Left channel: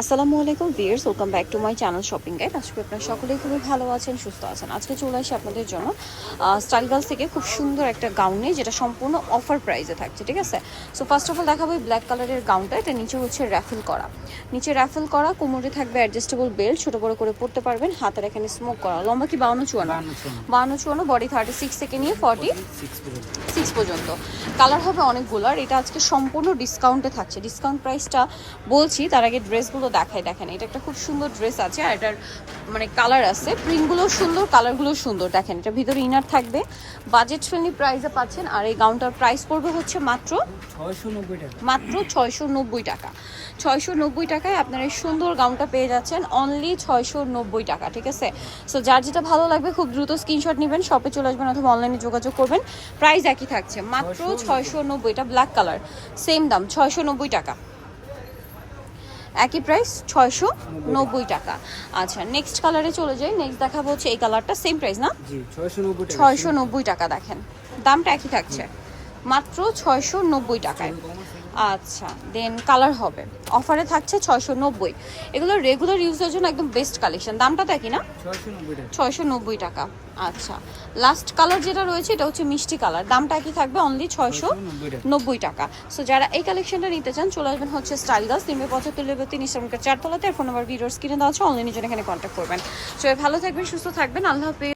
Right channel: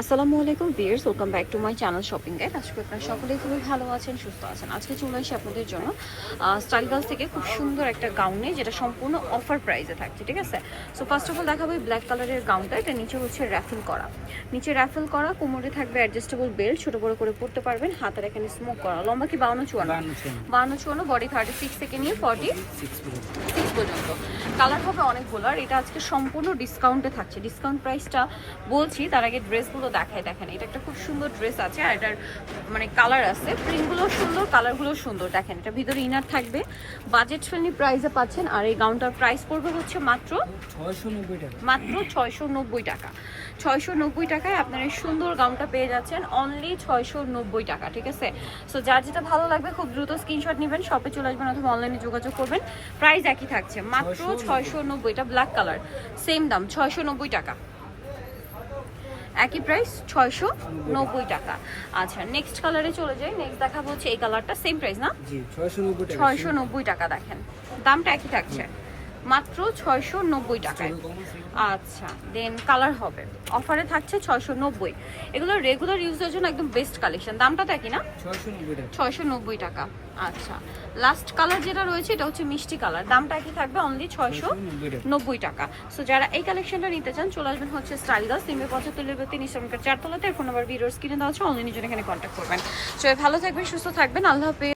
আসসালামু আলাইকুম viewers welcome back to my channel shopping guide আজকে আপনারা সকলেই খুবই ভালো আছেন সুস্থ আছেন। আজকে চলে আসি আপনাদের জন্য স্টাইল গার্লস থেকে খুব সুন্দর একটা গাউন নিয়ে যেটা সম্পূর্ণ অফার প্রাইসে থাকছে ঠিক আছে? সো ফার্স্ট অফ অল দেখাবো এই ব্ল্যাক কালারের গাউনটা এটা নিচে হচ্ছে র্যাফেল করা। নিচে র্যাফেল করা কোমরে থাকবে অ্যাডজাস্টেবল বেল্ট ছোটো বড়ো করে পরতে পারবেন। হাতের এখানে স্মোক করা লম্বা কি? বাউন্ন চুয়ান্ন? বাউন্ন চুয়ান্ন। বডি থার্টি সিক্স থেকে নিয়ে ফর্টি সিক্স পর্যন্ত। কালার হবে অনেকগুলো আর এটা আজকে সম্পূর্ণ ডিসকাউন্টে থাকছে। ডিসকাউন্ট প্রাইসটা বলছি তার আগে ড্রেসগুলো দেখায় দেখেন এটা একটা খুব সুন্দর ড্রেস আছে আর এটার মানে কালার আছে। প্রিন্টগুলো সুন্দর কালারগুলো সুন্দর। দেখেন এটা ভিতরে ইনার থাকবে। বাজেট ফ্রেন্ডলি প্রাইসে পাচ্ছেন আর এই গাউনটার প্রাইস পড়বে হচ্ছে মাত্র ছয়শো নব্বই টাকা। মাত্র ছয়শো নব্বই টাকা। ছয়শো নব্বই টাকায় আপনার এই সুন্দর গাউনটা পেয়ে যাচ্ছেন। অনলি ছয়শো নব্বই টাকা ঠিক আছে? সো যার যেটা ভালো লাগবে খুব দ্রুত স্ক্রিনশট নেবেন শপে চলে আসবেন অথবা অনলাইনে যোগাযোগ করবেন। প্রাইস একই থাকছে মাত্র ছয়শো নব্বইটা ব্ল্যাক কালার সেম দাম ছয়শো নব্বই টাকা। একই প্রাইস ছয়শো নব্বই টাকা। আচ্ছা নেক্সট কালারে চলে যাই নেক্সট দেখাবো হচ্ছে এই কালারটা সেম প্রাইস না? ছয়শো নব্বই টাকা দেখেন দামটা একই থাকছে। মাত্র ছয়শো নব্বই টাকায়। আচ্ছা দেন কালার হবে। অফারে থাকছে ছয়শো নব্বই। এগুলো রেগুলার ইউজের জন্য একদম বেস্ট কালেকশন দামটা তো একই না? ছয়শো নব্বই টাকা। আচ্ছা লাস্ট কালার যেটা রয়েছে এটা হচ্ছে মিষ্টি কালার দামটা কি থাকবে অনলি ছয়শো নব্বই টাকা। সো যারা এই কালেকশনটা নিতে চান চলে আসবেন হচ্ছে স্টাইল গাছ তিনবে পঁচাত্তর লেবুতে নিশ্চয়ই চারতলাতে। আর ফোন নাম্বার ভিডিওর স্ক্রিনে দেওয়া আছে অনলাইনে জন্য এখানে কন্ট্যাক্ট করবেন। সবাই ভালো থাকবেন সুস্থ থাকবেন। আল্লাহ হাফেজ।